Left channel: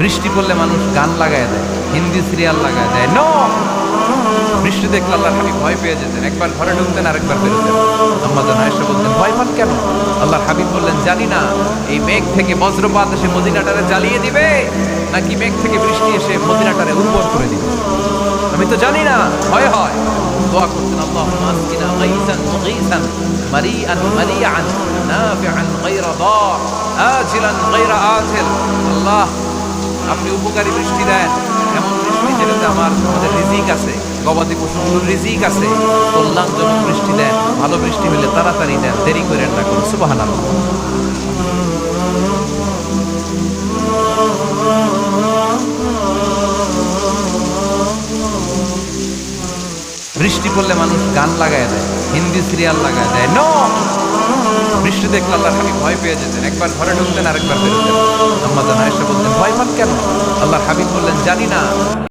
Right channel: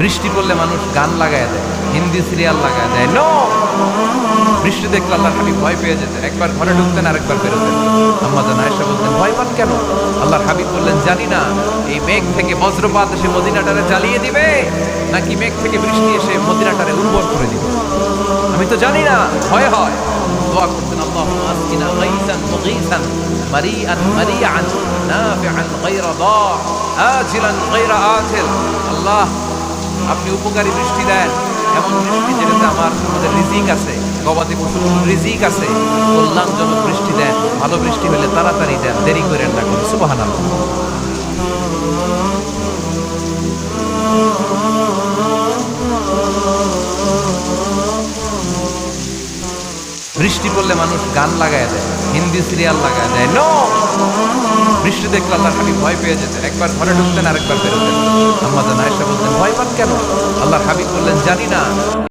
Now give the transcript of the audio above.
বৃষ্টি পড়লে মানুষ গান লাগায় দেয়, হিন্দি সিরিয়াল লাগায় দেয়। নো, বৃষ্টি দেখলে আল্লাহর হাবিব ভয় পেয়ে যেতেন, একবার ঘরে ঢুকতেন আর একবার বেরোতেন। আম্মা জান আয়েশা বলতেন, ভয় পান কেন? আল্লাহর হাবিব বললেন, জানি না এই মেঘ থেকে বজ্রপাত এসে মদিনাটারে জ্বালিয়ে দিবে নাকি মেঘ থেকে বৃষ্টি এসে মদিনাটারে উর্বর করে দিবে, আমি তো জানি না, ভয় হয়। দোয়া করতেন, আল্লাহুম্মা আসকিনা গাইসান মুগীসান মারিআন মারিআন নাফিআন গায়রা দার আজিলান গায়রা আজিল। আল্লাহ, আপনি উপকারী বৃষ্টি দেন, এমন বৃষ্টি যেটাতে আমাদের রিজিক আছে, গবাদি পশুগুলোর রিজিক আছে, কল্যাণজনক বৃষ্টি দেন, ভালো বৃষ্টি হলে তাড়াতাড়ি দেন, দেরি করেন না কোনো। সুবহানাল্লাহ। বৃষ্টি পড়লে মানুষ গান লাগায় দেয়, হিন্দি সিরিয়াল লাগায় দেয়। নো, বৃষ্টি দেখলে আল্লাহর হাবিব ভয় পেয়ে যেতেন, একবার ঘরে ঢুকতেন আর একবার বেরোতেন। আম্মা জান আয়েশা বলতেন, ভয় পান কেন? আল্লাহর হাবিব বললেন, জানি না